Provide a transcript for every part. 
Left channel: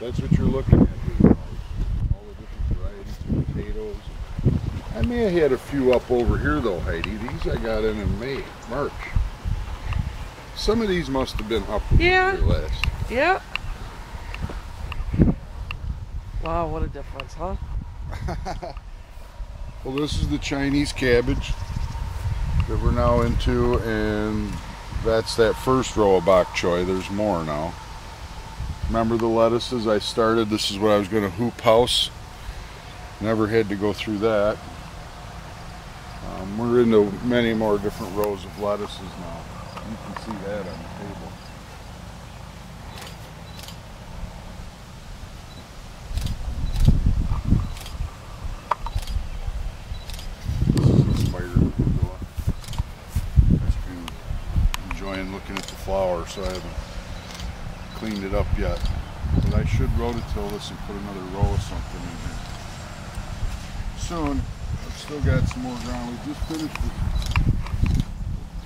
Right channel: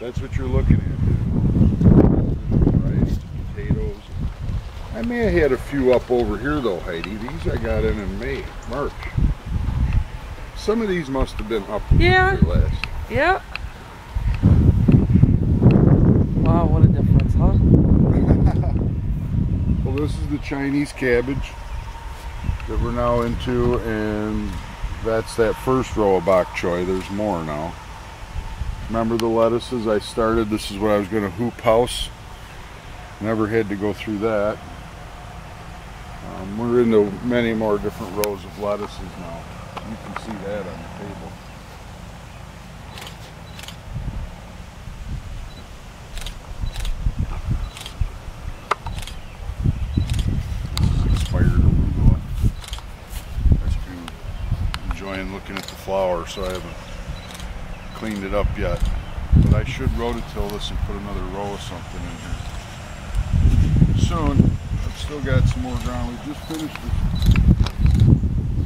That's what you're looking at. Rice, potatoes. I may have had a few up over here though, Heidi. These I got in March. Some of these must have been up last. Yeah. Wow, what a difference, huh? Well, this is the Chinese cabbage that we're now into, and that's that first row of bok choy. There's more now. Remember the lettuces I started? This is what I was going to hoop house. Never had to go through that. We're into many more different rows of lettuces now. You can see that on the table. This is expired arugula. I've been enjoying looking at the flower, so I haven't cleaned it up yet. But I should rototill this and put another row of something in here soon. I've still got some more ground. We just finished this.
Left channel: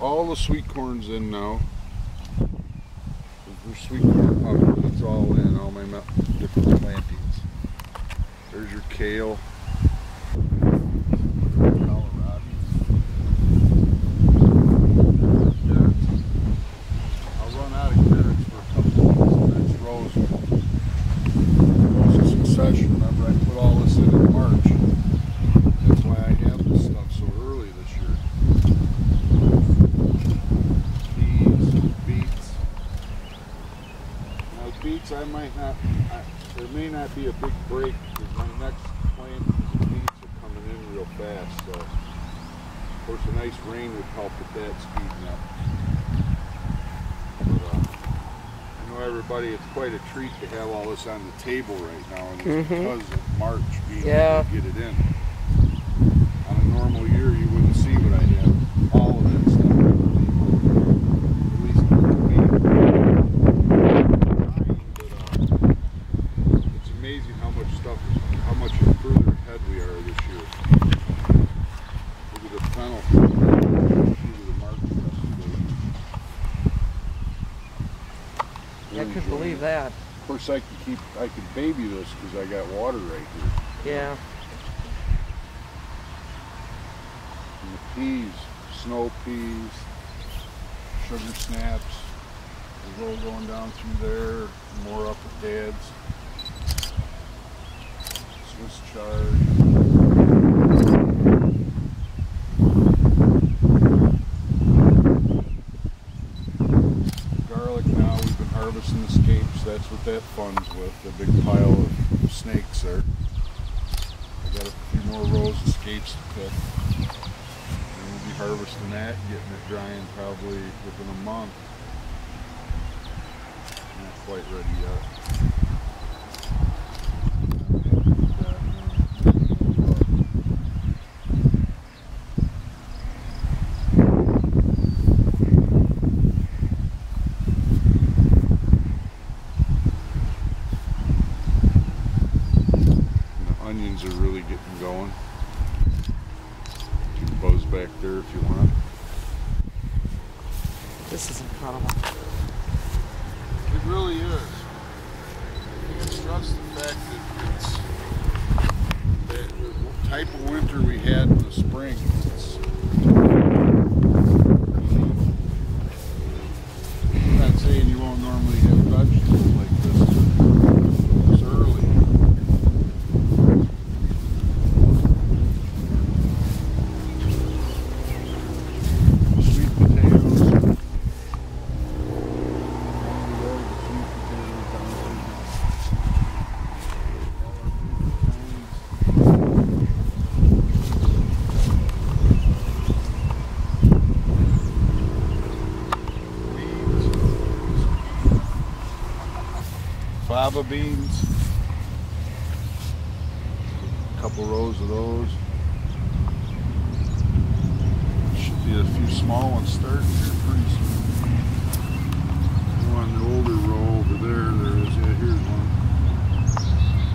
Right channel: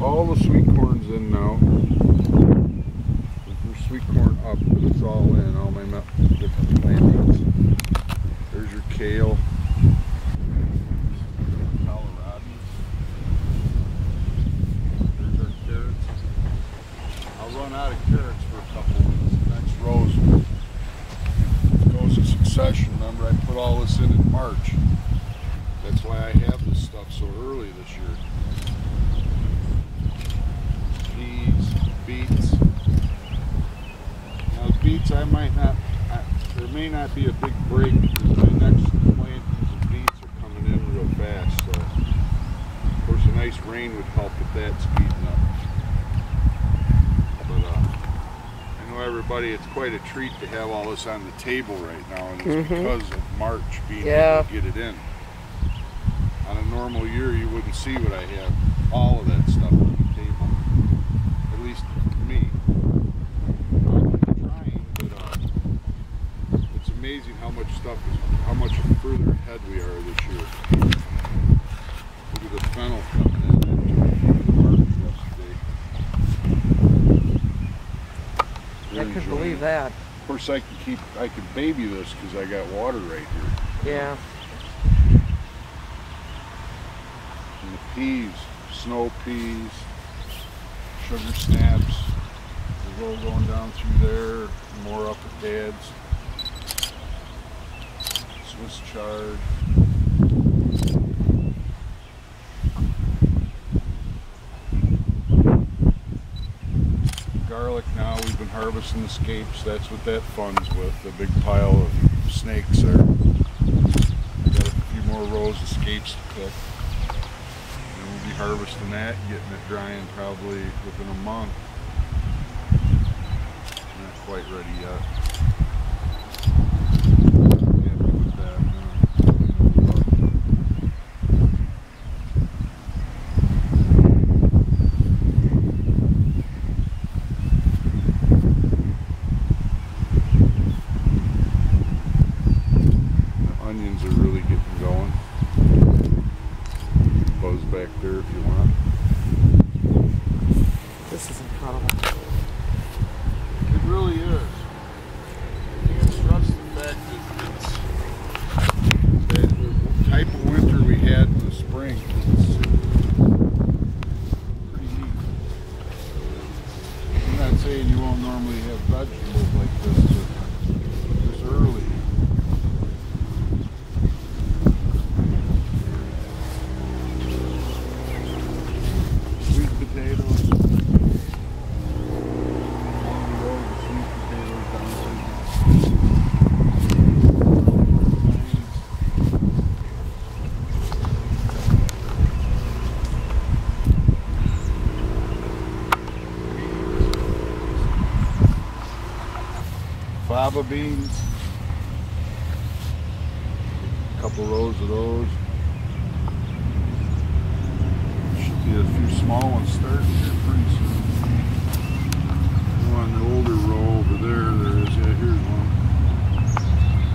All the sweet corn's in now. There's sweet corn up, but it's all in. All my different plantings. There's your kale. I'll run out of carrots for a couple of weeks. The next rows goes in succession. Remember, I put all this in March. That's why I have this stuff so early this year. Peas, beets. Now beets, there may not be a big break because my next plantings of beets are coming in real fast. So, of course, a nice rain would help with that speeding up. I know everybody, it's quite a treat to have all this on the table right now, and it's because of March being able to get it in. On a normal year, you wouldn't see what I have. All of that stuff on the table, at least for me. But it's amazing how much further ahead we are this year. Look at the fennel from the market yesterday. I could believe that. Of course, I could baby this because I got water right here. Yeah. And the peas, snow peas, sugar snaps. There's all going down through there. More up at Dad's. Swiss chard. Garlic now, we've been harvesting the scapes. That's what that funds with, the big pile of snakes there. I got a few more rows of scapes to pick. And we'll be harvesting that, getting it drying probably within a month. Not quite ready yet. Onions are really getting going. Buzz back there if you want. This is incredible. It really is. I can't stress the fact that the type of winter we had in the spring. I'm not saying you won't normally have vegetables like this early. Fava beans, a couple rows of those. Should be a few small ones starting here pretty soon. One older row over there is, yeah, here's one.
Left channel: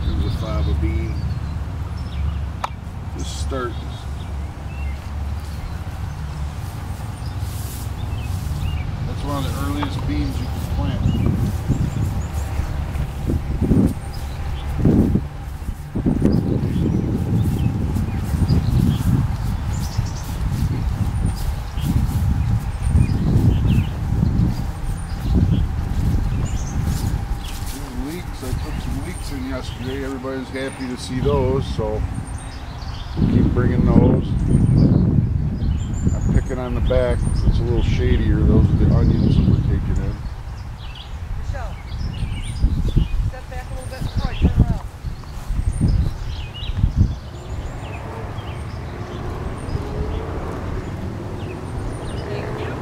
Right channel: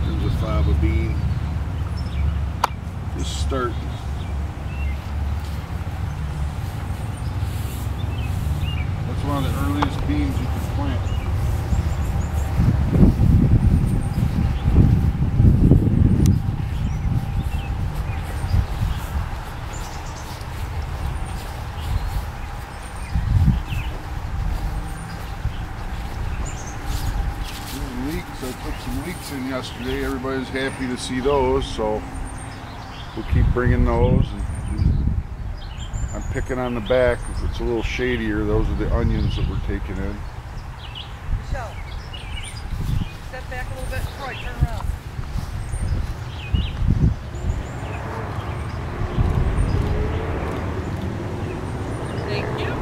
Here's a fava bean. Just starting. That's one of the earliest beans you can plant. onions. I took some leeks in yesterday. Everybody's happy to see those, so we'll keep bringing those. I'm picking on the back. It's a little shadier. Those are the onions that we're taking in. Michelle, step back a little bit. Troy, turn around. Thank you.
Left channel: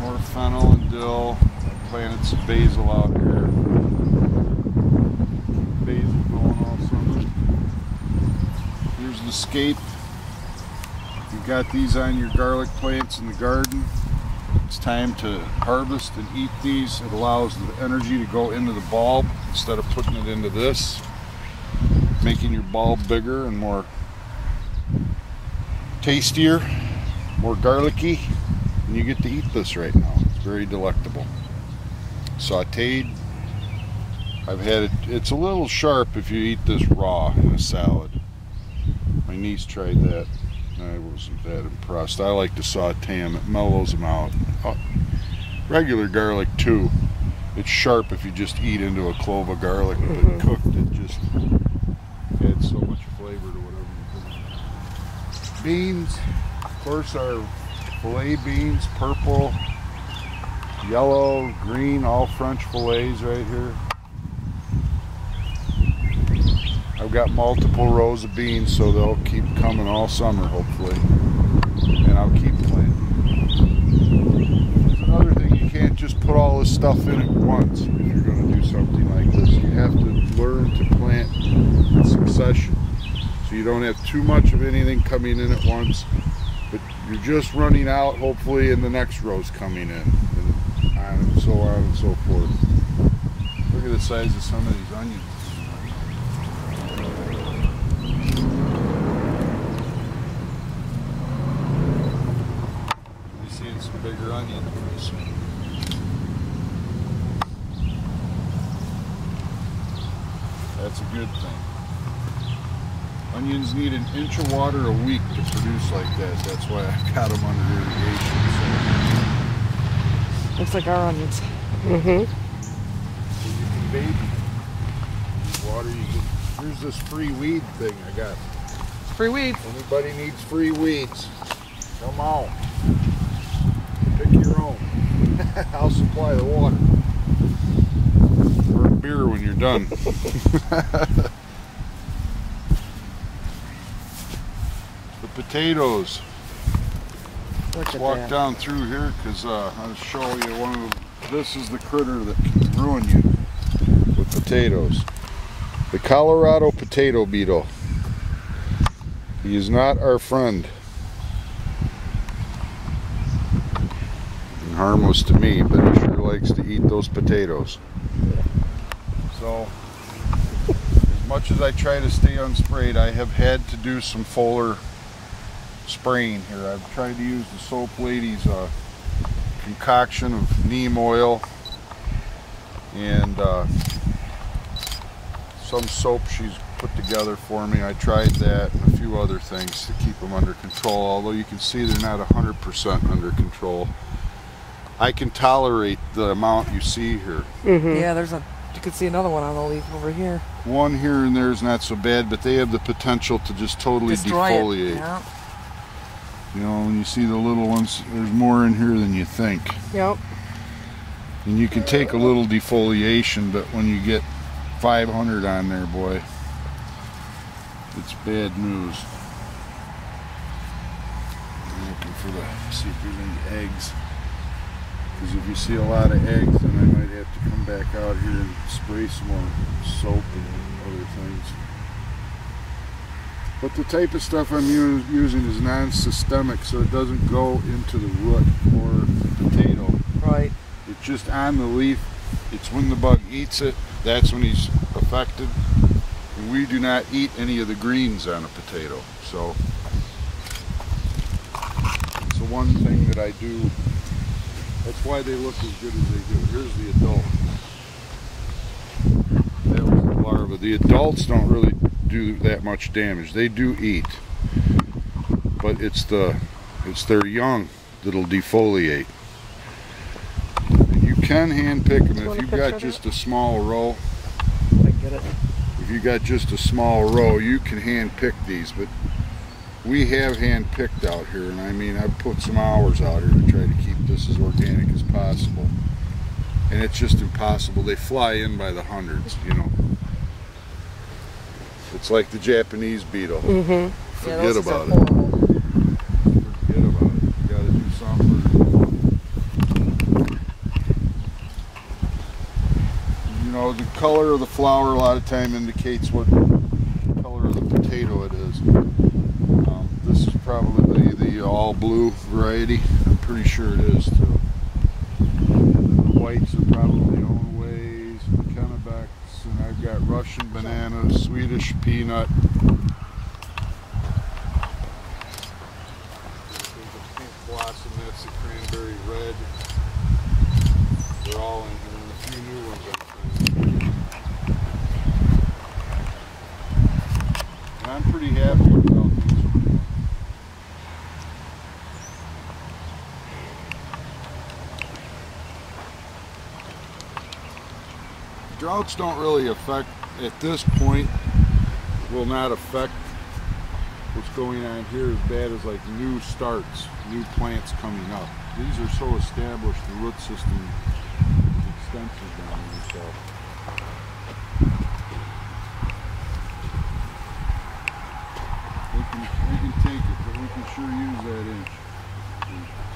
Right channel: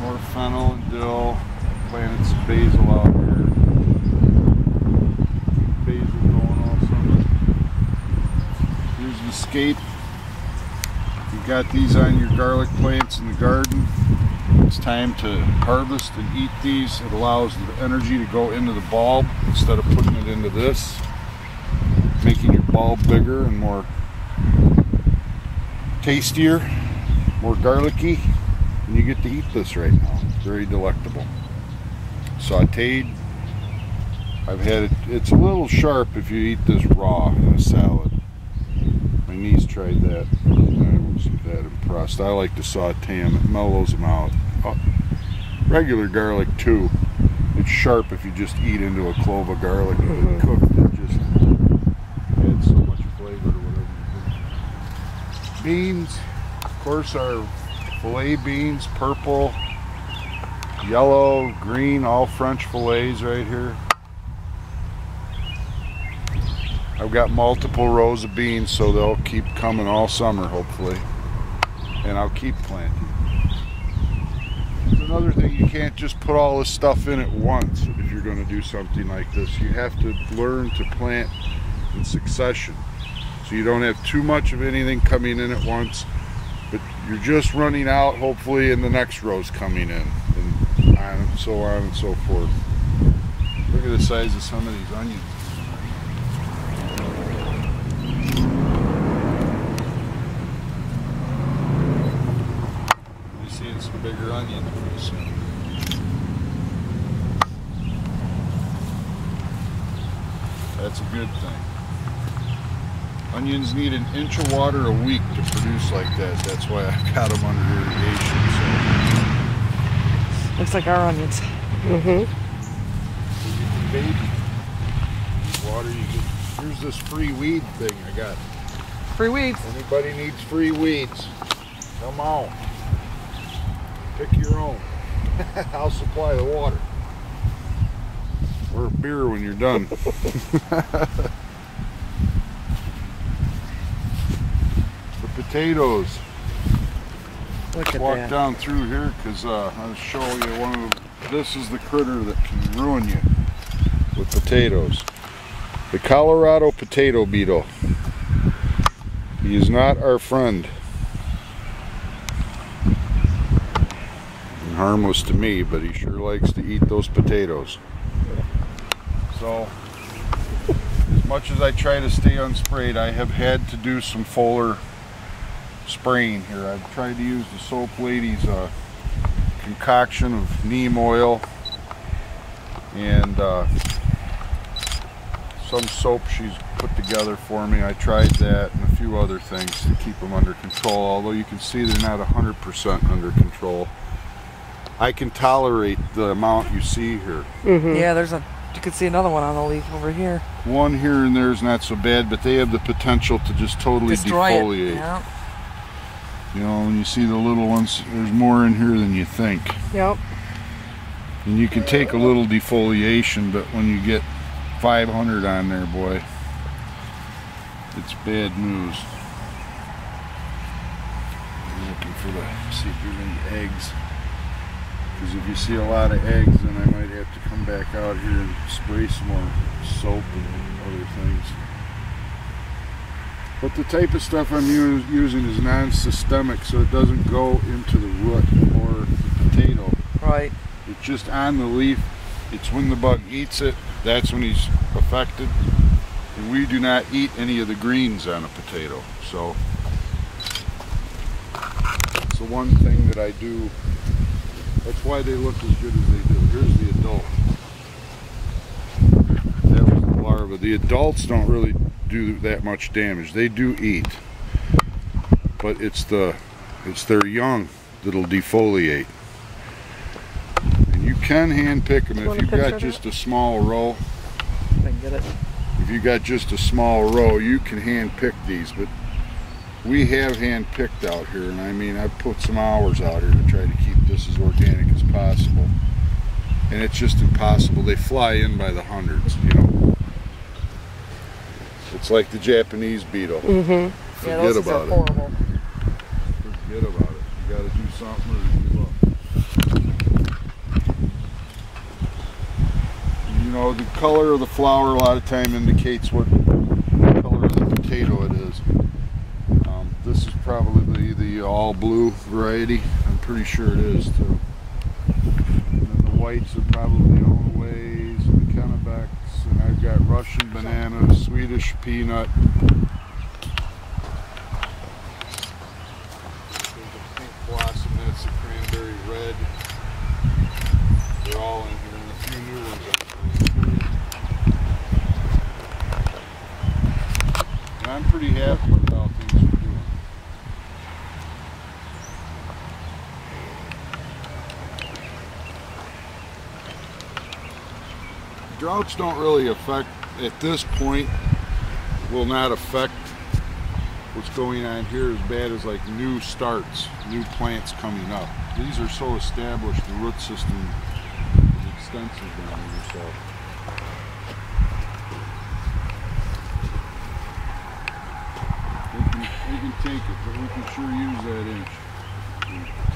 More fennel and dill. I planted some basil out here. Basil going all summer. Here's the scape. You've got these on your garlic plants in the garden. It's time to harvest and eat these. It allows the energy to go into the bulb instead of putting it into this, making your bulb bigger and more tastier, more garlicky. And you get to eat this right now. It's very delectable. Sauteed. I've had it. It's a little sharp if you eat this raw in a salad. My niece tried that. I wasn't that impressed. I like to saute them. It mellows them out. Regular garlic too. It's sharp if you just eat into a clove of garlic. If cooked, it just adds so much flavor to whatever you do. Beans, of course, are filet beans, purple, yellow, green, all French fillets right here. I've got multiple rows of beans, so they'll keep coming all summer, hopefully. And I'll keep planting. There's another thing, you can't just put all this stuff in at once if you're going to do something like this. You have to learn to plant in succession. So you don't have too much of anything coming in at once, but you're just running out, hopefully, and the next row's coming in, and so on and so forth. Look at the size of some of these onions. You're seeing some bigger onions pretty soon. That's a good thing. Onions need an inch of water a week to produce like that. That's why I've got them under irrigation. So. Looks like our onions. So you can baby. Water you get. Here's this free weed thing I got. Free weeds. Anybody needs free weeds, come on. Pick your own. I'll supply the water. Or beer when you're done. Potatoes. Look at Walk that. down through here because I'll show you one of the, this is the critter that can ruin you with potatoes. The Colorado potato beetle. He is not our friend. And harmless to me, but he sure likes to eat those potatoes. So, as much as I try to stay unsprayed, I have had to do some foliar spraying here. I've tried to use the Soap Lady's concoction of neem oil and some soap she's put together for me. I tried that and a few other things to keep them under control, although you can see they're not 100% under control. I can tolerate the amount you see here. Yeah, you can see another one on the leaf over here. One here and there is not so bad, but they have the potential to just totally Destroy defoliate. it. Yeah. You know, when you see the little ones, there's more in here than you think. Yep. And you can take a little defoliation, but when you get 500 on there, boy, it's bad news. I'm looking for see if there's any eggs. Because if you see a lot of eggs, then I might have to come back out here and spray some more soap and other things. But the type of stuff I'm using is non-systemic, so it doesn't go into the root or the potato. Right. It's just on the leaf. It's when the bug eats it, that's when he's affected. And we do not eat any of the greens on a potato. So it's the one thing that I do. That's why they look as good as they do. Here's the adult. That was the larva. The adults don't really do that much damage. They do eat, but it's their young that'll defoliate. And you can hand pick them if you've got just a small row. If I can get it. If you got just a small row, you can hand pick these, but we have hand picked out here, and I mean, I've put some hours out here to try to keep this as organic as possible. And it's just impossible. They fly in by the hundreds, you know. It's like the Japanese beetle. Mm-hmm. Forget about it. Forget about it. You gotta do something. You know, the color of the flower a lot of time indicates what color of the potato it is. This is probably the all blue variety. I'm pretty sure it is too. And the whites are probably Onaways and Kennebecks, and I've got Russian banana, Swedish peanut. There's a pink blossom, that's the cranberry red. They're all in here, and a few new ones I'm trying. And I'm pretty happy with how things are doing. Droughts don't really affect, at this point, will not affect what's going on here as bad as like new starts, new plants coming up. These are so established, the root system is extensive down here, so. We can take it, but we can sure use that inch.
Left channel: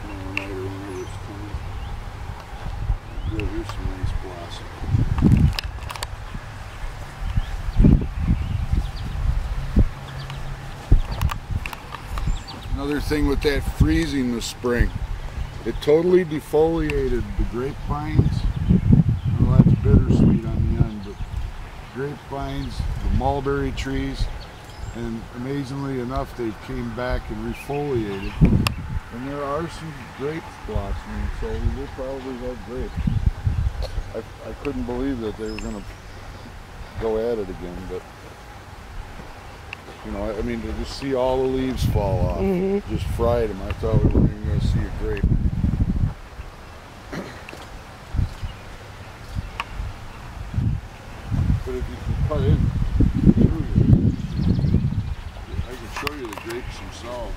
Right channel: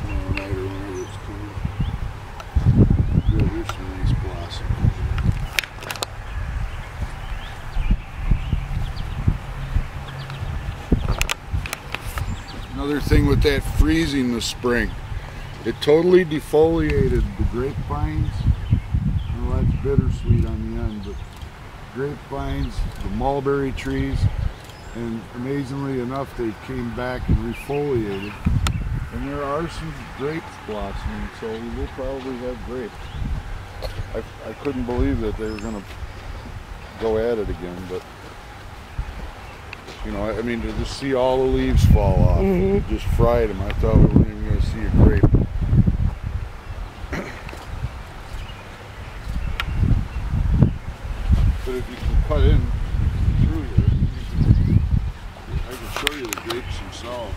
Tomorrow night or whenever it's coming. Good, here's some nice blossom. Another thing with that freezing this spring, it totally defoliated the grapevines. Well, that's bittersweet on the end, but grapevines, the mulberry trees, and amazingly enough, they came back and refoliated. And there are some grapes blossoming, so we will probably have grapes. I couldn't believe that they were going to go at it again, but you know, I mean, to just see all the leaves fall off, just fried them, I thought we weren't even going to see a grape. But if you can cut in through here, I can show you the grapes themselves.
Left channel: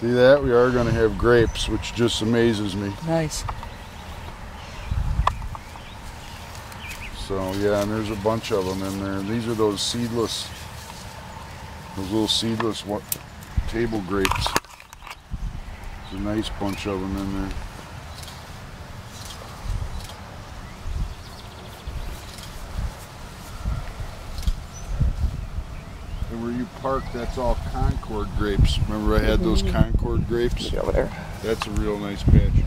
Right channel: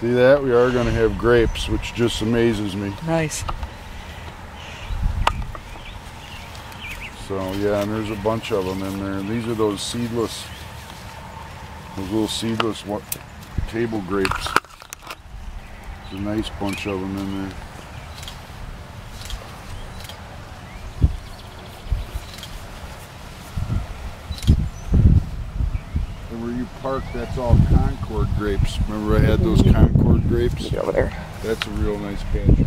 See that? We are going to have grapes, which just amazes me. Nice. So yeah, and there's a bunch of them in there. And these are those seedless, those little seedless table grapes. There's a nice bunch of them in there. And where you park, that's all Concord grapes. Remember I had those Concord grapes? Get over there. That's a real nice patch of grapes.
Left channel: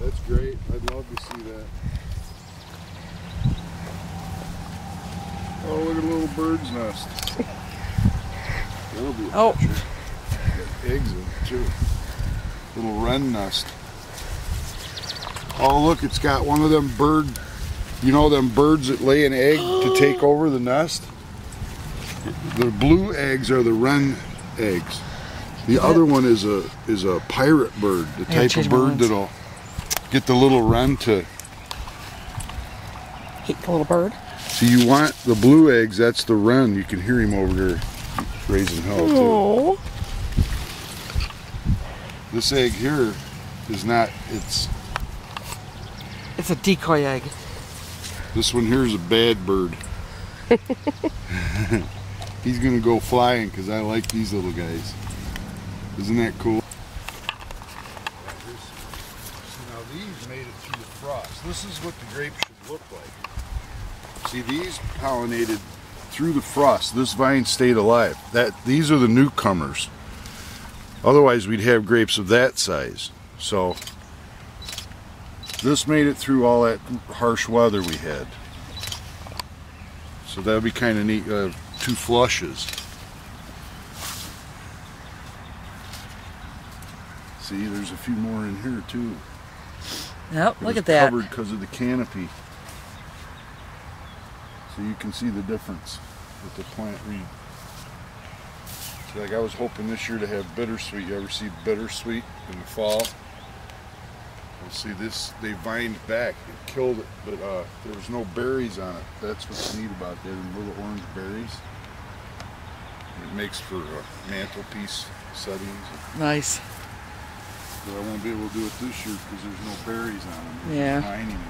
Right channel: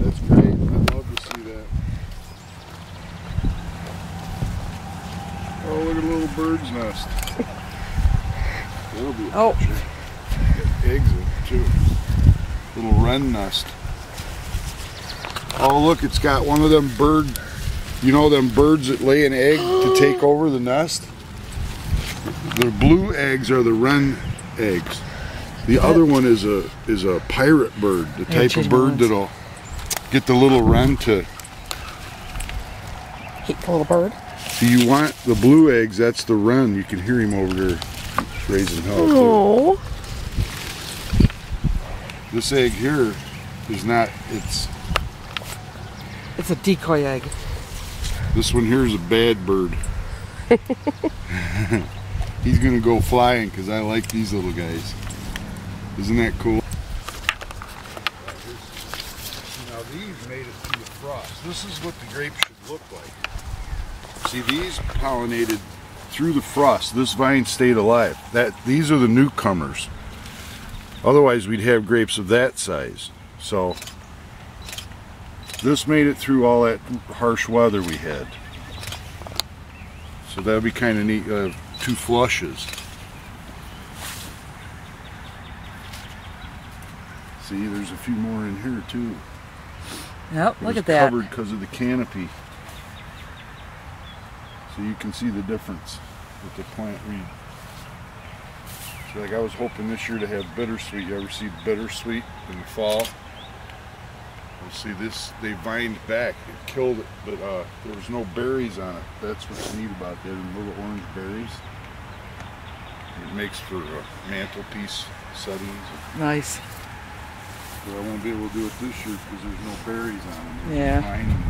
That's great. I'd love to see that. Oh, look at a little bird's nest. That'll be a picture. Got eggs in it too. Little wren nest. Oh, look, it's got one of them you know them birds that lay an egg to take over the nest? The blue eggs are the wren eggs. The other one is a pirate bird, the type of bird that'll get the little wren to Hate the little bird. So you want the blue eggs, that's the wren. You can hear him over there raising hell too. This egg here is not, it's a decoy egg. This one here is a bad bird. He's gonna go flying because I like these little guys. Isn't that cool? Now these made it through the frost. This is what the grapes should look like. See, these pollinated through the frost. This vine stayed alive. These are the newcomers. Otherwise we'd have grapes of that size. So this made it through all that harsh weather we had. So that would be kind of neat. 2 flushes. See, See, there's a few more in here too. Yep, look at that. Covered because of the canopy. So you can see the difference with the plant reed. So like I was hoping this year to have bittersweet. You ever see bittersweet in the fall? Well, see this, they vined back. It killed it, but there was no berries on it. That's what's neat about that, and little orange berries. It makes for mantelpiece settings. Nice. But I won't be able to do it this year because there's no berries on them. They're Yeah. vining again.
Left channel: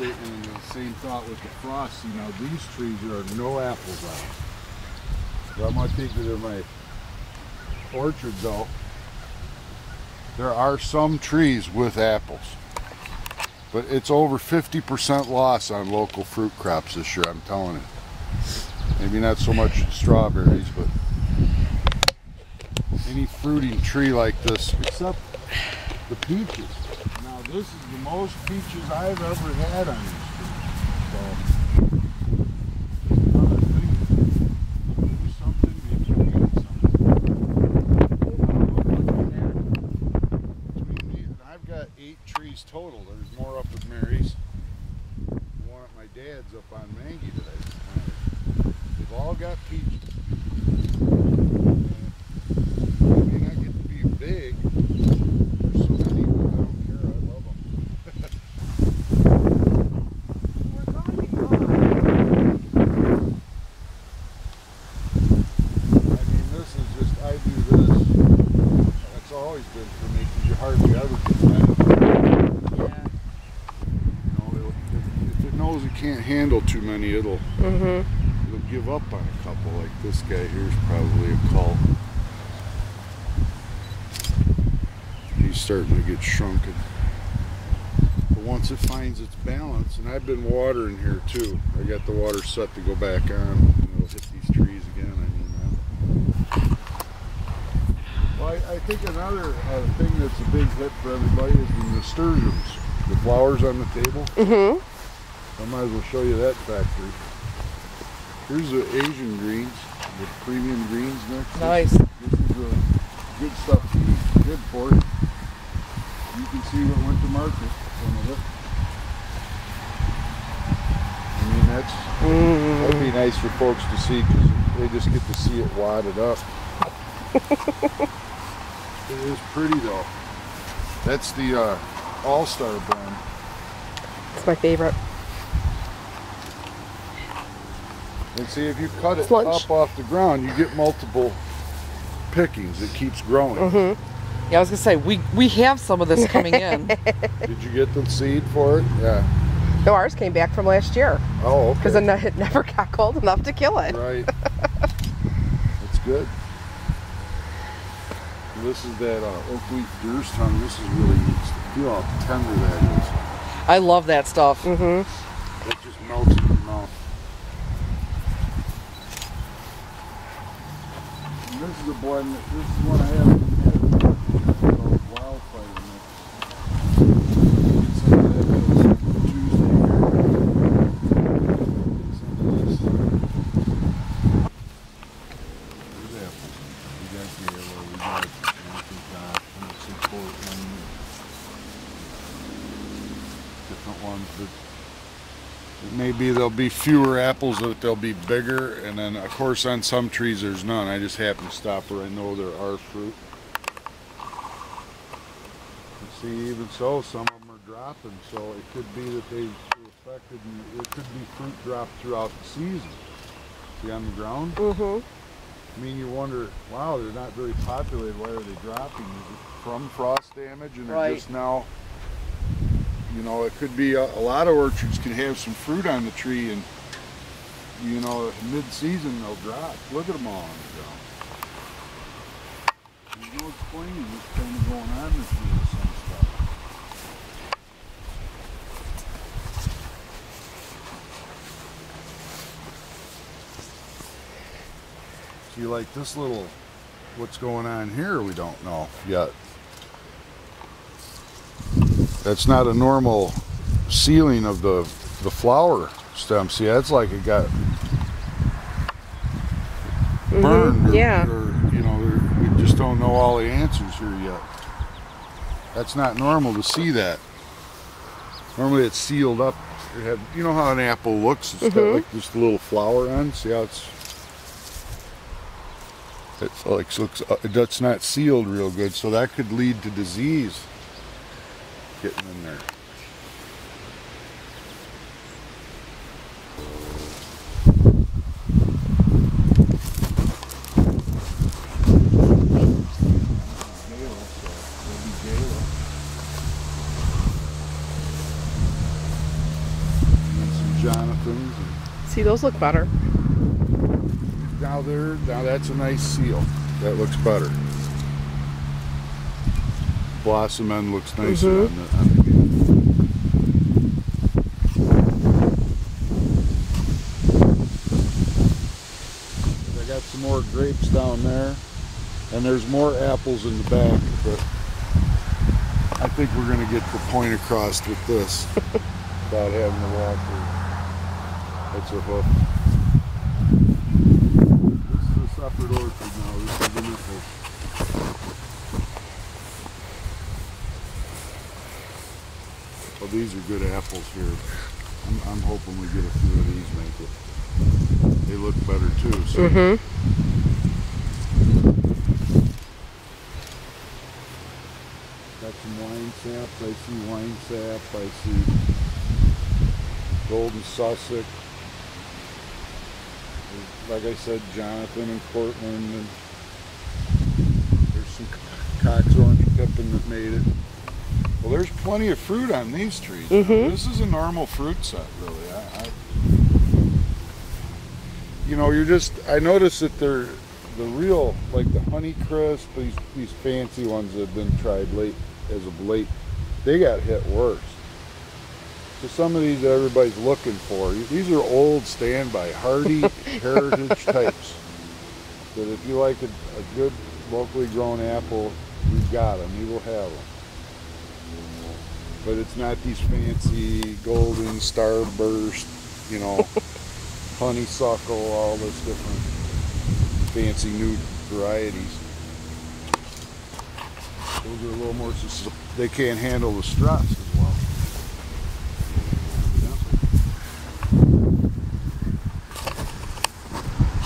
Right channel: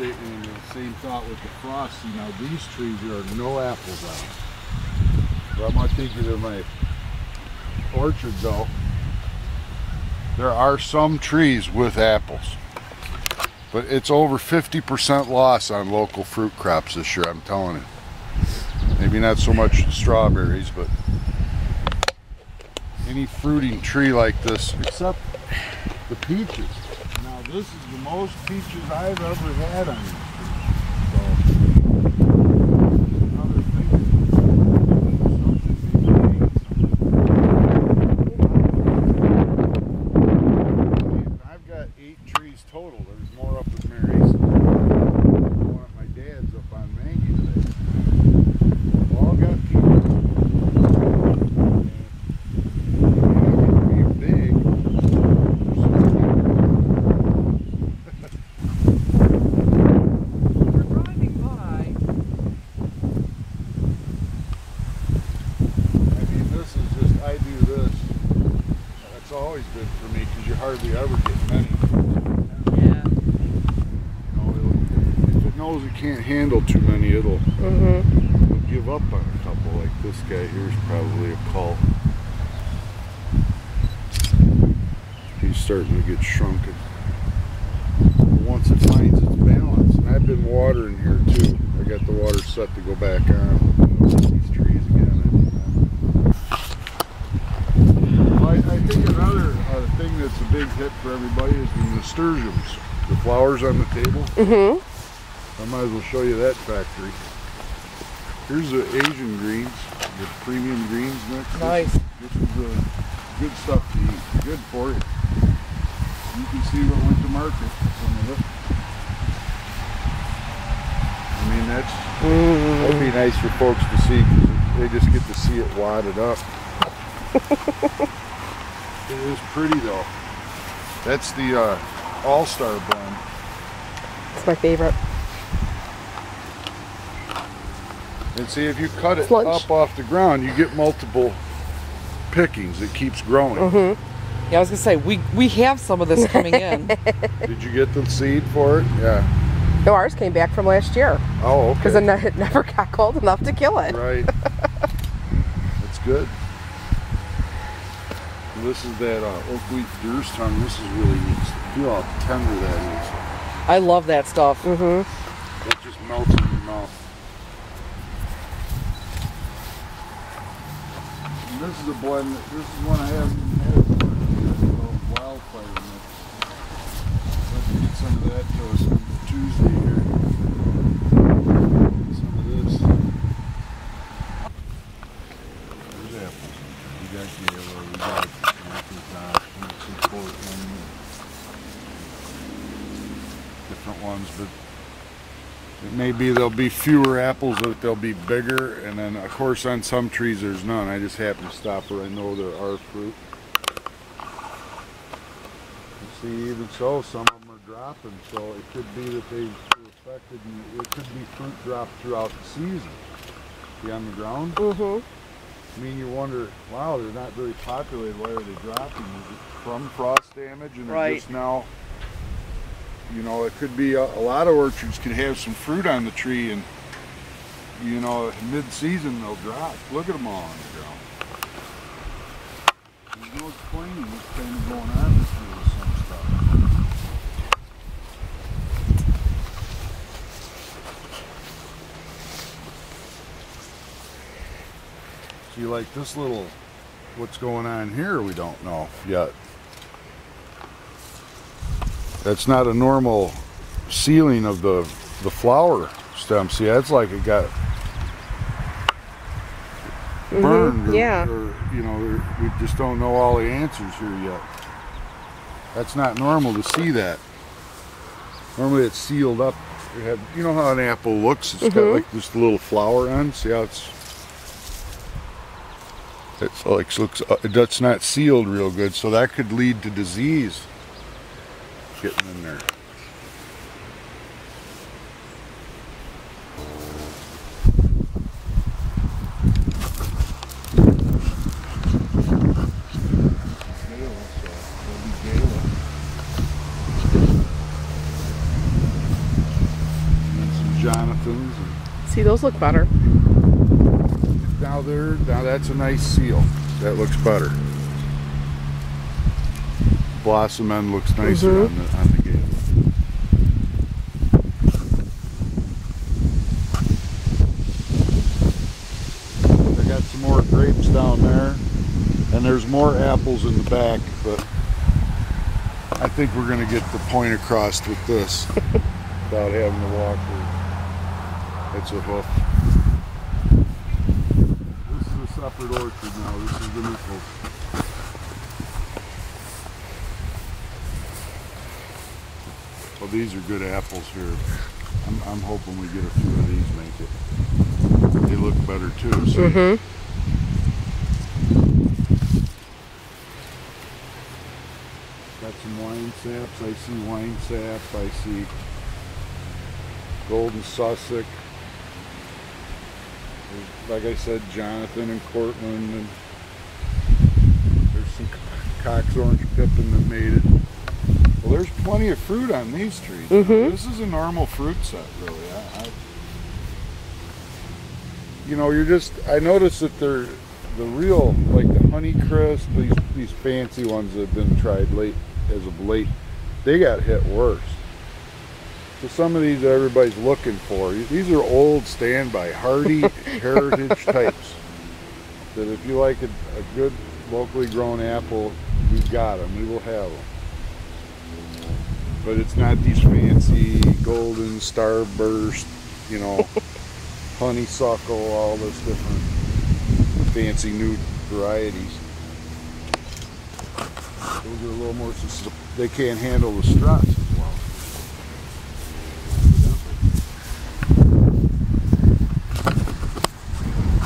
And the same thought with the frost. See, now these trees, there are no apples on them. But I'm not thinking of my orchard though. There are some trees with apples. But it's over 50% loss on local fruit crops this year, I'm telling you. Maybe not so much strawberries, but any fruiting tree like this, except the peaches. Now this is the most peaches I've ever had on these trees. So, another thing, something I've got 8 trees total. There's more up at Mary's. One at my dad's up on Maggie today. All got peaches. Big. I do this. That's always good for me because you hardly ever get many. Yeah. You know, if it knows it can't handle too many, it'll give up on a couple. Like this guy here is probably a cult. He's starting to get shrunken. But once it finds its balance, and I've been watering here too. I got the water set to go back on these trees again. I think another thing that's a big hit for everybody is the nasturtiums, the flowers on the table. I might as well show you that factory. Here's the Asian greens, the premium greens next. Nice. This is good stuff to eat, good for you. You can see what went to market, some of it. I mean, that'd be nice for folks to see because they just get to see it wadded up. It is pretty though. That's the All-Star blend. It's my favorite. And see, if you cut it Lunch. up off the ground, you get multiple pickings. It keeps growing. Yeah, I was gonna say we have some of this coming in. Did you get the seed for it? Yeah. No, ours came back from last year. Oh, okay. Because it never got cold enough to kill it. Right. That's good. This is that oak leaf deer's tongue. This is really neat. Feel how tender that is. I love that stuff. It just melts in your mouth. And this is a blend. This is one I haven't even had. It's called Wildfire Mix. Some of that Tuesday here. Some of this. There's apples. We got yellow. We got different ones, but it may be there'll be fewer apples, but they'll be bigger, and then of course on some trees there's none. I just happen to stop where I know there are fruit. See, even so, some of them are dropping, so it could be that they were affected, and it could be fruit dropped throughout the season. See on the ground? I mean, you wonder, wow, they're not very populated. Why are they dropping? Is it from frost damage? And they're just now, you know, it could be a lot of orchards could have some fruit on the tree, and, you know, mid-season they'll drop. Look at them all on the ground. There's no explaining what's kind of going on this year with some stuff. See, like this little, what's going on here, we don't know yet. That's not a normal sealing of the flower stem. See, that's like it got burned, or, you you know, we just don't know all the answers here yet. That's not normal to see that. Normally it's sealed up. You know how an apple looks? It's got like just a little flower on. See how it's like that's not sealed real good, so that could lead to disease getting in there. Jonathan's. See, those look better. Now that's a nice seal. That looks better. Blossom end looks nicer on the game. I got some more grapes down there, and there's more apples in the back, but I think we're going to get the point across with this without having to walk her. It's a hoof. This is a separate orchard now. This is the new hoof. Well, these are good apples here. I'm hoping we get a few of these make it. They look better too. So. Got some wine saps. I see wine sap. I see golden Sussex. Like I said, Jonathan and Cortland, and there's some Cox Orange Pippin that made it. Well, there's plenty of fruit on these trees. This is a normal fruit set, really. You know, I noticed that they're the real, like the Honeycrisp, these fancy ones that have been tried late as of late, they got hit worse. So some of these that everybody's looking for, these are old standby, hardy heritage types. That if you like a good locally grown apple, we've got them. We will have them. But it's not these fancy golden starburst, you know, honeysuckle, all this different fancy new varieties. Those are a little more, they can't handle the stress as well.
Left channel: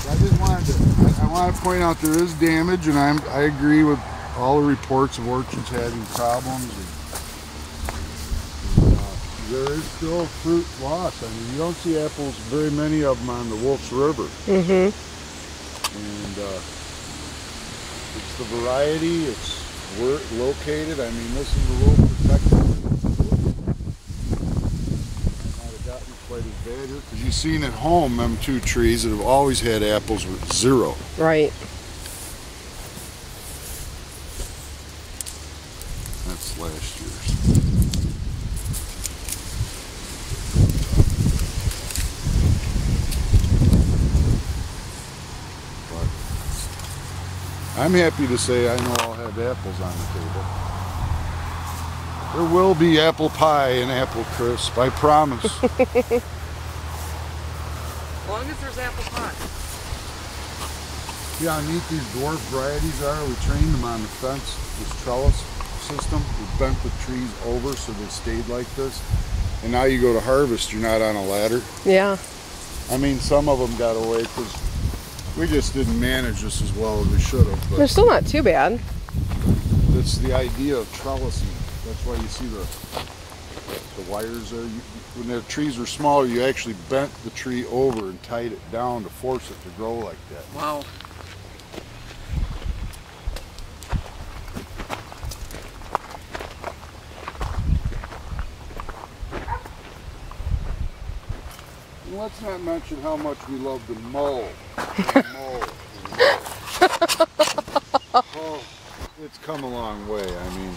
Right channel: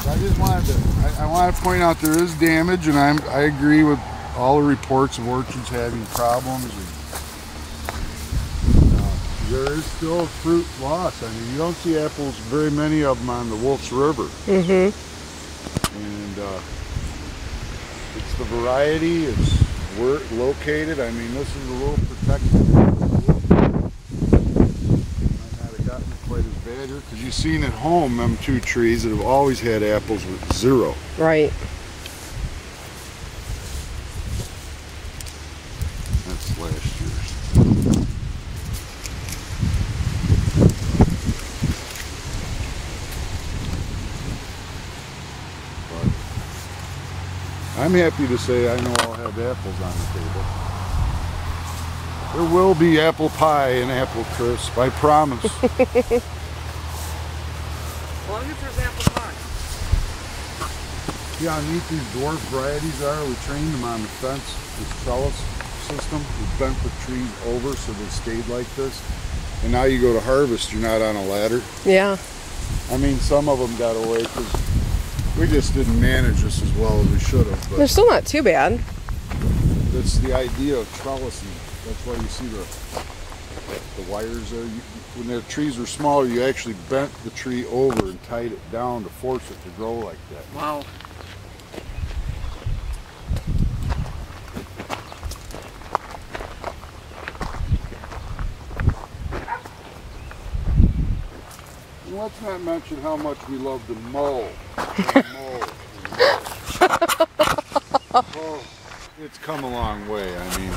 I just wanted to, I want to point out there is damage, and I agree with all the reports of orchards having problems. There is still fruit loss. I mean, you don't see apples, very many of them on the Wolf's River. And it's the variety, it's where it's located. I mean, this is a little protected. Might not have gotten it quite as bad here, because you've seen at home them two trees that have always had apples with 0. Right. That's last year's. I'm happy to say I know I'll have apples on the table. There will be apple pie and apple crisp, I promise. As long as there's apple pie. See how neat these dwarf varieties are? We trained them on the fence, this trellis system. We bent the trees over so they stayed like this. And now you go to harvest, you're not on a ladder. Yeah. I mean, some of them got away because we just didn't manage this as well as we should have. But they're still not too bad. that's the idea of trellising. That's why you see the wires there. When the trees were smaller, you actually bent the tree over and tied it down to force it to grow like that. Wow. And let's not mention how much we love to mow. Oh, it's come a long way. I mean,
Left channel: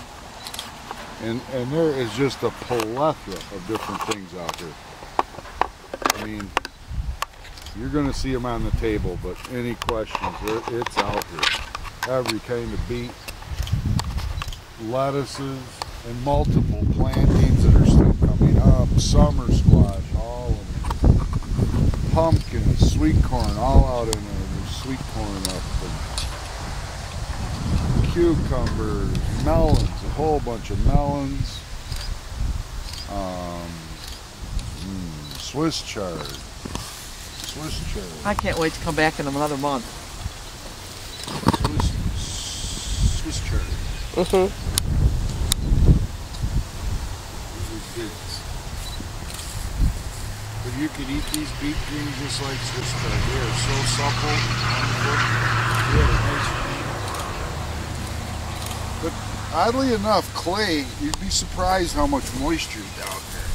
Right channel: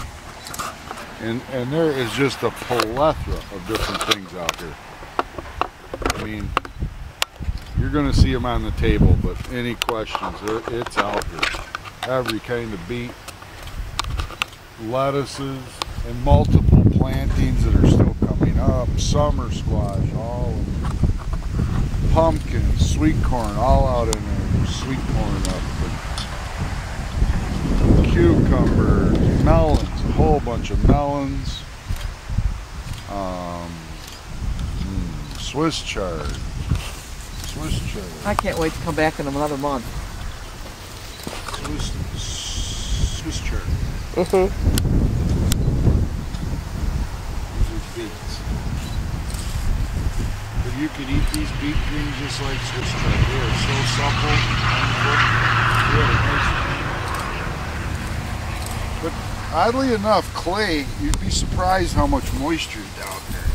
and there is just a plethora of different things out here. I mean, you're going to see them on the table, but any questions, it's out here. Every kind of beet, lettuces, and multiple plantings that are still coming up. Summer squash, all of them. Pumpkins, sweet corn, all out in there. There's sweet corn up. But cucumbers, melons, a whole bunch of melons. Swiss chard. I can't wait to come back in another month. Swiss chard. Mm-hmm. These are beets. But you could eat these beet greens just like Swiss chard. They are so supple. But oddly enough, clay, you'd be surprised how much moisture is down there.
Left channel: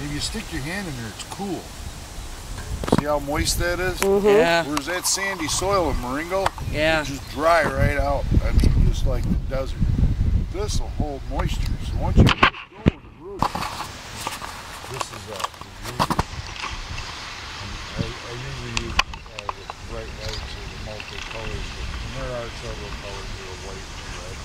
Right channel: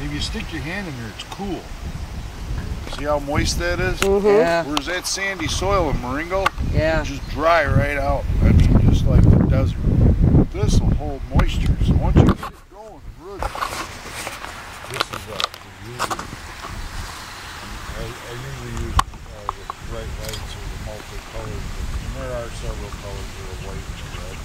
If you stick your hand in there, it's cool. See how moist that is? Mm-hmm. Yeah. Whereas that sandy soil in Moringo, Yeah. it's just dry right out. I mean, just like the desert. This will hold moisture. So once you get it going, this is the usual. I usually use the bright lights or the multi-colors, and there are several colors that are white and red.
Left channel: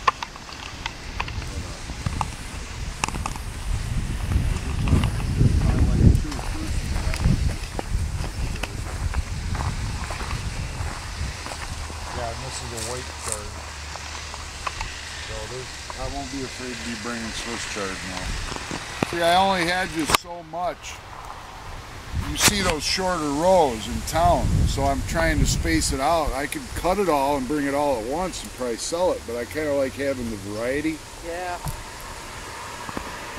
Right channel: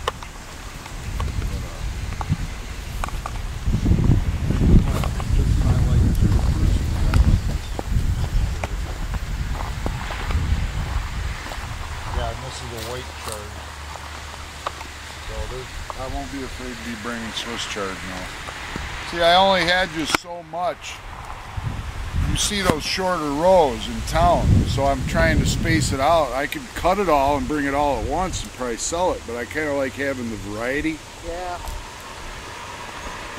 Just I like two personally. I like this. Yeah, and this is a white chard. So I won't be afraid to be bringing Swiss chard now. See, I only had just so much. You see those shorter rows in town, so I'm trying to space it out. I could cut it all and bring it all at once and probably sell it, but I kind of like having the variety. Yeah.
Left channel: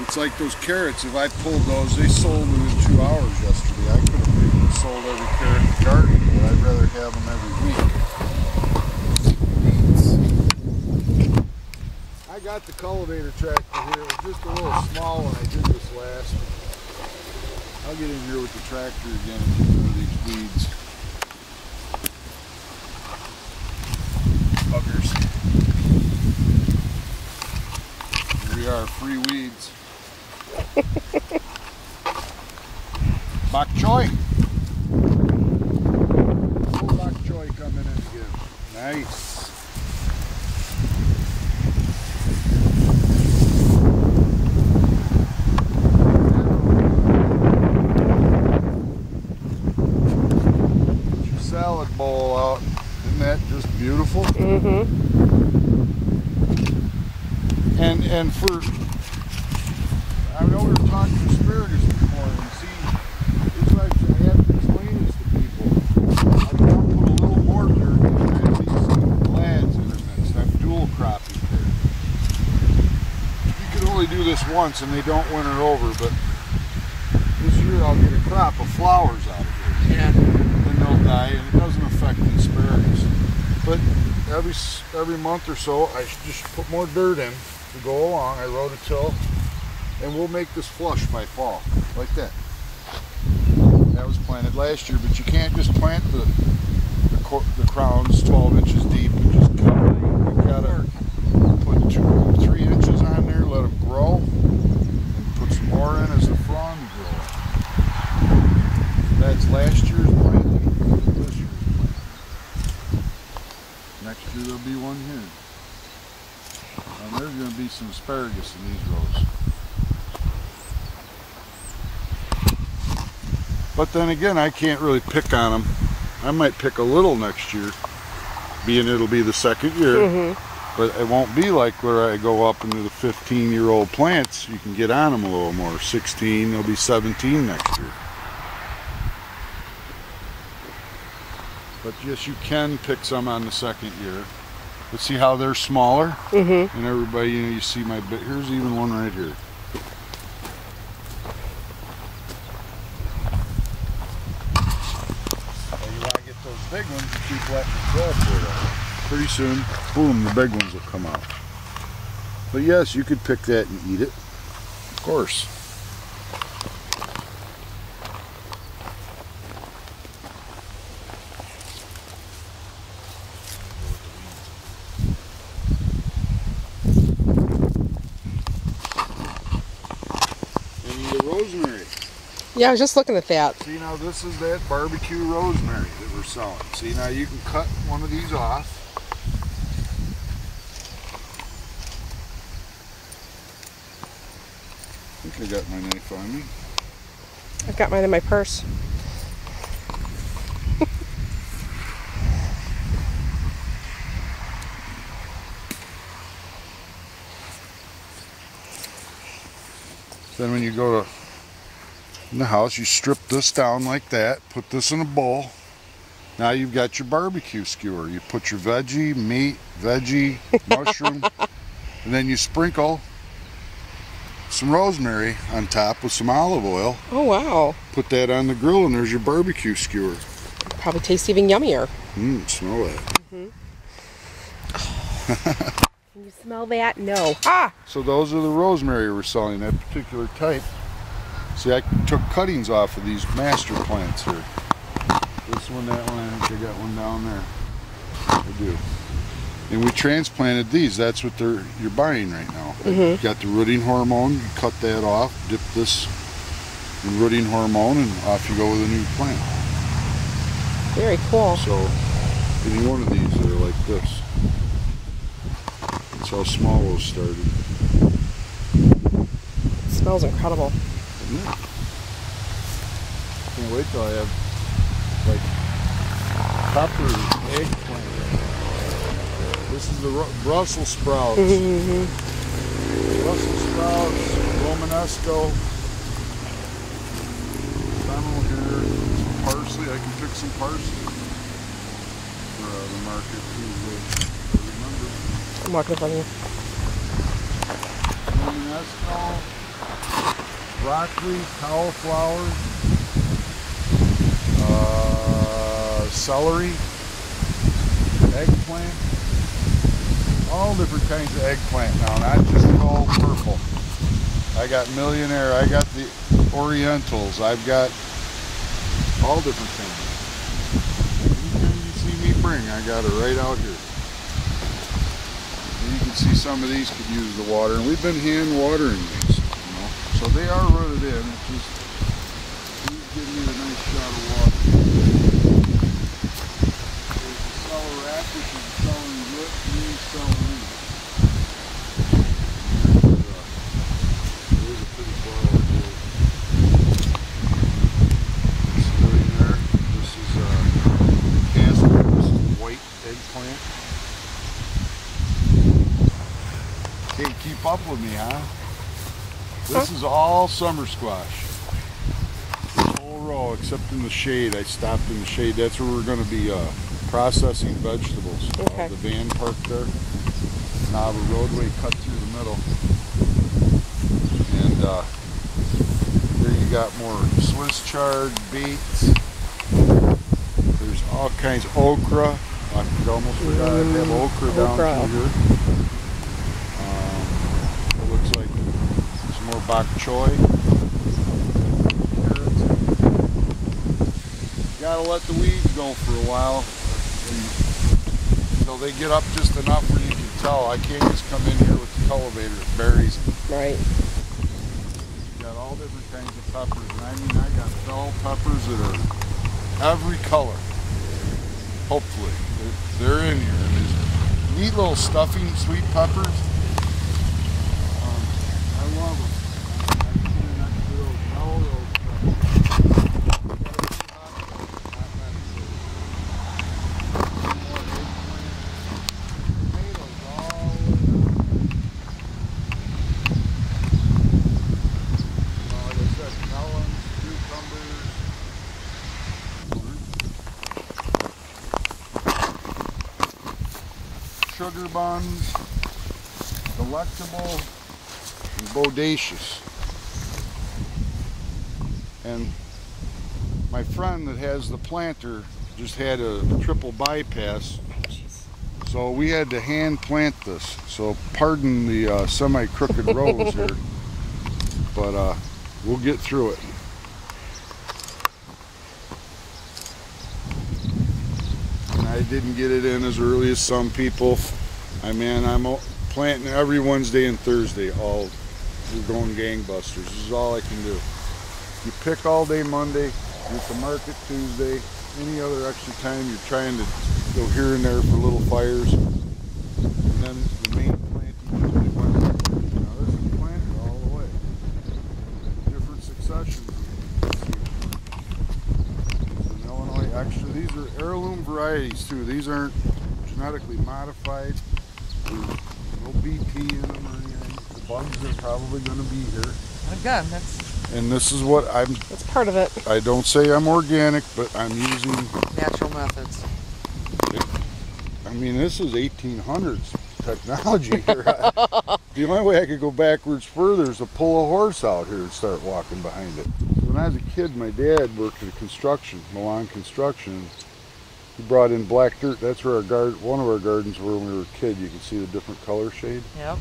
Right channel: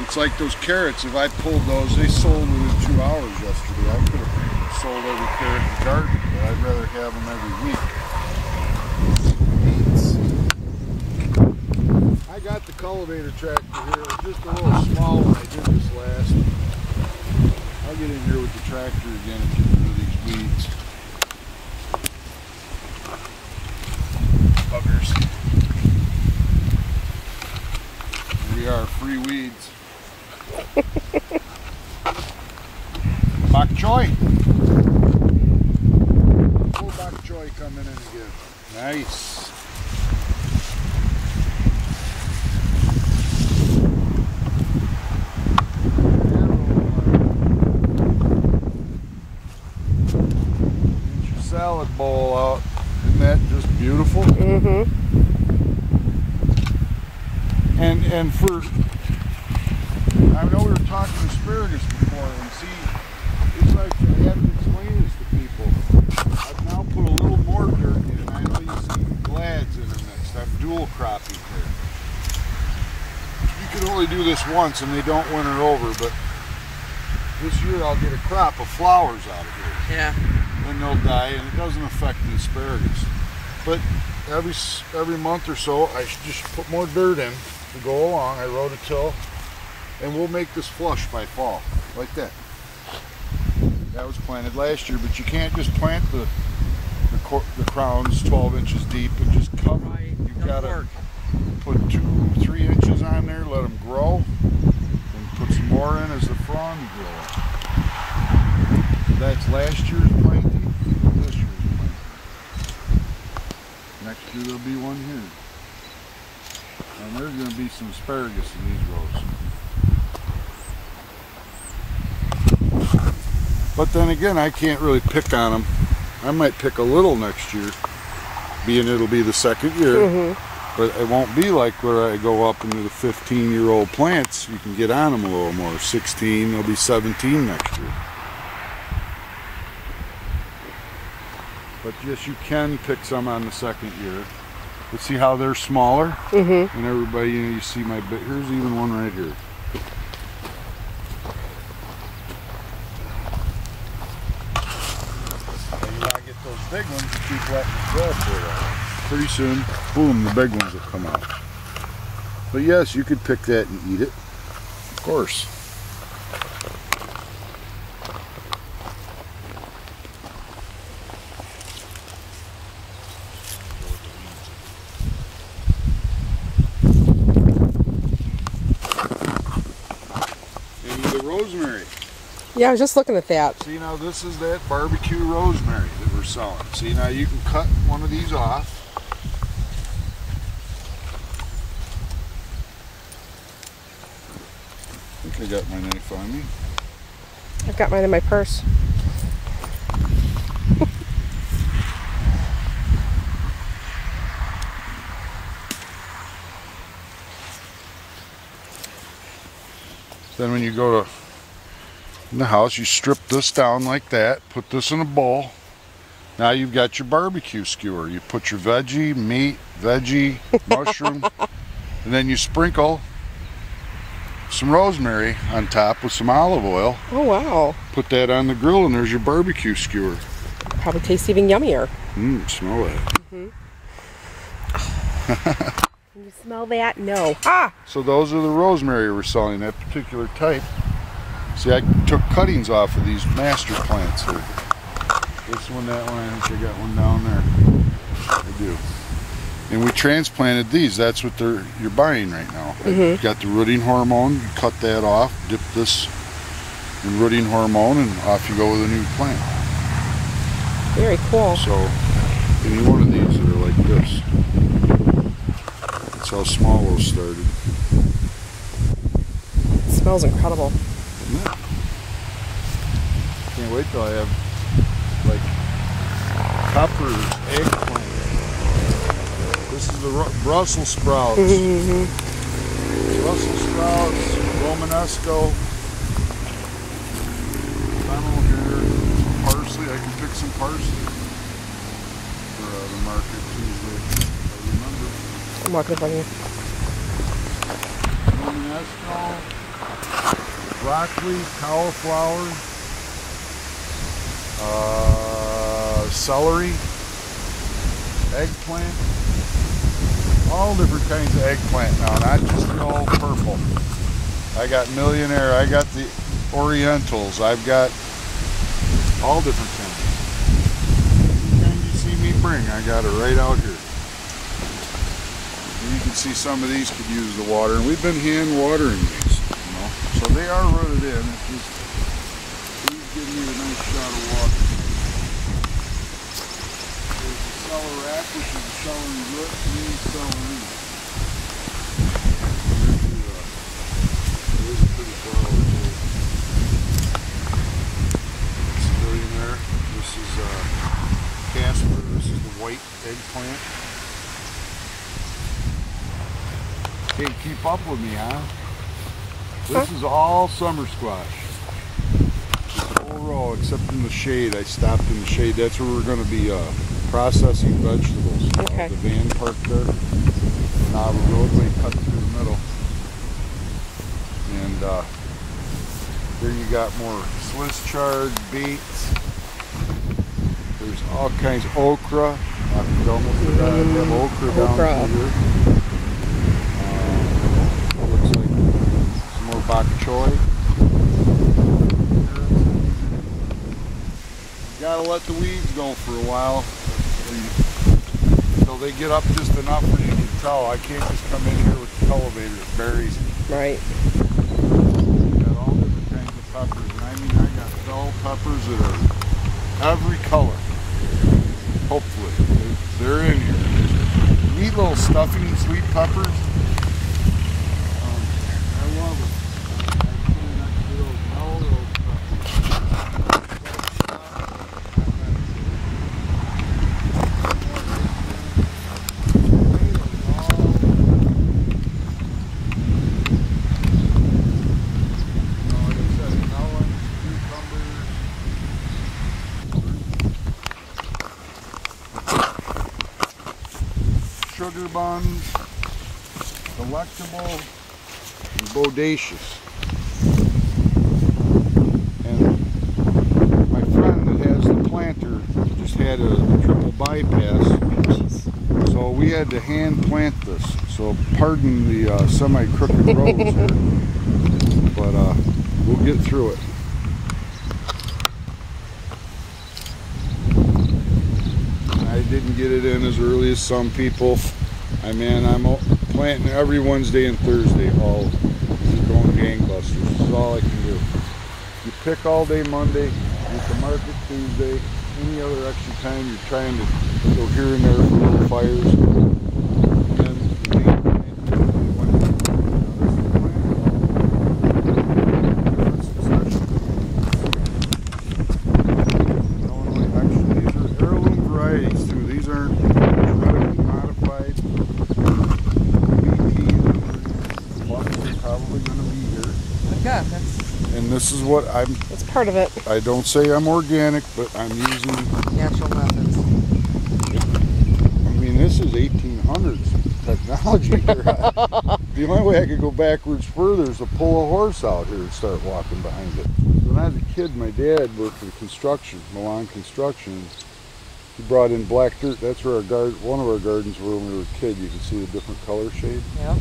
It's like those carrots. If I pulled those, they sold within 2 hours yesterday. I could have sold every carrot in the garden, but I'd rather have them every week. Beets. I got the cultivator tractor here. It was just a little small when I did this last. I'll get in here with the tractor again and get rid of these weeds. Buggers. Here we are, free weeds. Bok choy. Oh, bok choy coming in again. Nice. Salad bowl out. Isn't that just beautiful? Mm-hmm. And for, I know we were talking asparagus before, and see, it's like I have to explain this to people. I've now put a little more dirt in, and I know you see glads intermixed. I've dual cropping here. You can only do this once and they don't winter over, but this year I'll get a crop of flowers out of here. Yeah. And they'll die, and it doesn't affect the asparagus. But every month or so, I should just put more dirt in to go along. I rototill, and we'll make this flush by fall, like that. That was planted last year, but you can't just plant the crowns 12 inches deep and just cover them. You gotta put 2 or 3 inches on there, let them grow, and put some more in as the frond grow. That's last year's planting, this year's planting. Next year there'll be one here. And there's going to be some asparagus in these rows. But then again, I can't really pick on them. I might pick a little next year, being it'll be the second year. Mm-hmm. But it won't be like where I go up into the 15-year-old plants. You can get on them a little more. 16, they'll be 17 next year. But yes, you can pick some on the second year. But see how they're smaller? Mm-hmm. And everybody, you know, you see my, here's even one right here. Now you want to get those big ones, you keep letting it grow for a while. Pretty soon, boom, the big ones will come out. But yes, you could pick that and eat it. Of course. Rosemary. Yeah, I was just looking at that. See, now this is that barbecue rosemary that we're selling. See, now you can cut one of these off. I think I got my knife on me. I've got mine in my purse. Then when you go to in the house, you strip this down like that, put this in a bowl. Now you've got your barbecue skewer. You put your veggie, meat, mushroom, and then you sprinkle some rosemary on top with some olive oil. Oh, wow. Put that on the grill and there's your barbecue skewer. Probably tastes even yummier. Smell that. Can you smell that? No. Ah! So those are the rosemary we're selling, that particular type. See, I took cuttings off of these master plants here. This one, that one, I think I got one down there. I do. And we transplanted these. That's what you're buying right now. You got the rooting hormone. You cut that off, dip this in rooting hormone, and off you go with a new plant. Very cool. So any one of these that are like this. That's how small those started. It smells incredible. Isn't it? Can't wait till I have like pepper, eggplant. This is the Brussels sprouts. Brussels sprouts, Romanesco, fennel here, parsley. I can pick some parsley for the market Tuesday. Remember. I'm walking in front of you. Romanesco, broccoli, cauliflower, celery, eggplant. All different kinds of eggplant now, not just the old purple. I got Millionaire, I got the Orientals, I've got all different kinds. Anything you see me bring, I got it right out here. And you can see some of these could use the water, and we've been hand watering these, you know. So they are rooted in. It's just, please give me a nice shot of water. There's the celery, which is the celery root, green celery. There's a pretty flower too. It's Millionaire. This is Casper. This is the white eggplant. Can't keep up with me, huh? This is all summer squash. This whole row, except in the shade. I stopped in the shade. That's where we're going to be processing vegetables. Okay. The van parked there. Now the roadway cut through the middle. And there you got more Swiss chard, beets. There's all kinds of okra. I almost forgot I have okra down here. Looks like some more bok choy. Gotta let the weeds go for a while until they get up just enough where you can tell. I can't just come in here with the cultivator that buries it. Right. Got all different kinds of peppers, and I mean I got bell peppers that are every color. Hopefully, they're in here. There's neat little stuffing sweet peppers. I love them. I try not to do those mellow peppers. Sugar buns, delectable, and bodacious. And my friend that has the planter just had a triple bypass, so we had to hand plant this. So pardon the semi-crooked rows here, but we'll get through it. I didn't get it in as early as some people. I mean, I'm planting every Wednesday and Thursday. All just going gangbusters. This is all I can do. You pick all day Monday, get to market Tuesday. Any other extra time, you're trying to go here and there for little fires. And the main plant Tuesday, Wednesday. Now there's a plant all the way. Different succession. Illinois extra. These are heirloom varieties too. These aren't genetically modified. No BT in them or anything. The bugs are probably going to be here. Good. And this is what That's part of it. I don't say I'm organic, but I'm using, Natural methods. I mean, this is 1800s technology here. The only way I could go backwards further is to pull a horse out here and start walking behind it. When I was a kid, my dad worked in construction, Milan Construction. He brought in black dirt. That's where one of our gardens were when we were a kid. You can see the different color shade. Yep.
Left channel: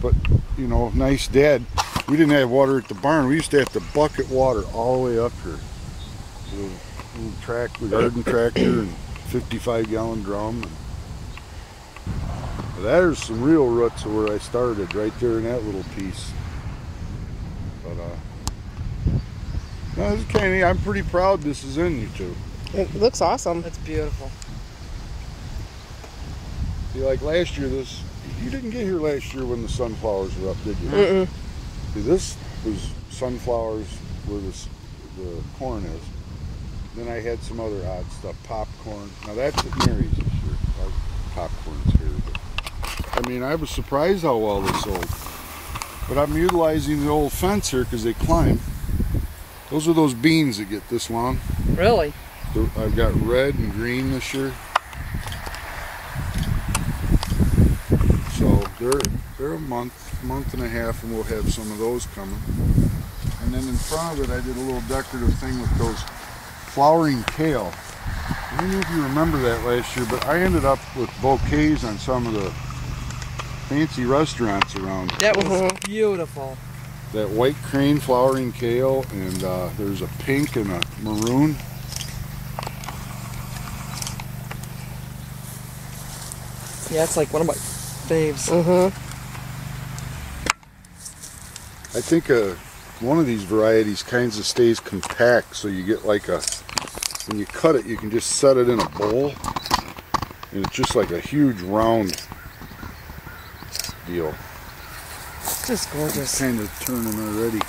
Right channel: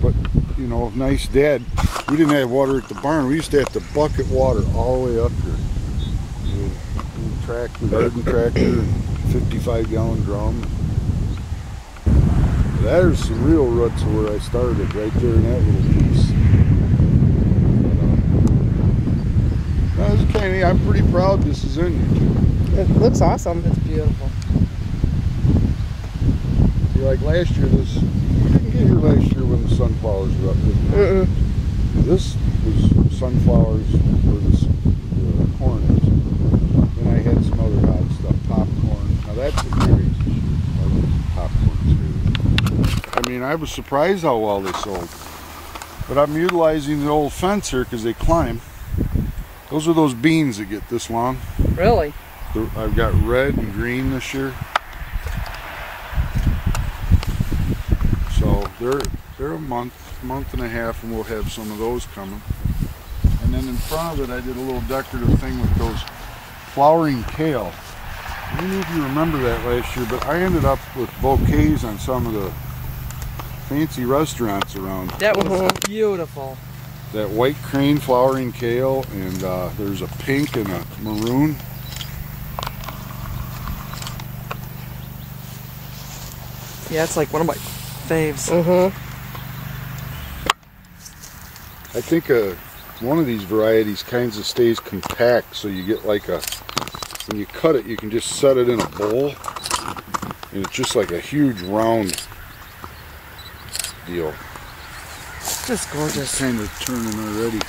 But, you know, nice dad. We didn't have water at the barn. We used to have to bucket water all the way up here. The garden tractor and 55-gallon drum. There's some real roots of where I started, right there in that little piece. But, no, this is kind of, I'm pretty proud this is in YouTube. It looks awesome. It's beautiful. See, like last year, you didn't get here last year when the sunflowers were up, did you? Mm-mm. This was sunflowers where the corn is. Then I had some other odd stuff, popcorn. Now that's a berry this year. I like popcorn too. I mean, I was surprised how well they sold. But I'm utilizing the old fence here because they climb. Those are those beans that get this long. Really? I've got red and green this year. So they're a month and a half, and we'll have some of those coming. And then in front of it, I did a little decorative thing with those flowering kale. I don't know if you remember that last year, but I ended up with bouquets on some of the fancy restaurants around. That was beautiful. That white crane flowering kale, and there's a pink and a maroon. Yeah, it's like one of my faves. I think one of these varieties kinds of stays compact, so you get like when you cut it, you can just set it in a bowl, and it's just like a huge round deal. Just gorgeous. It's kind of turning already.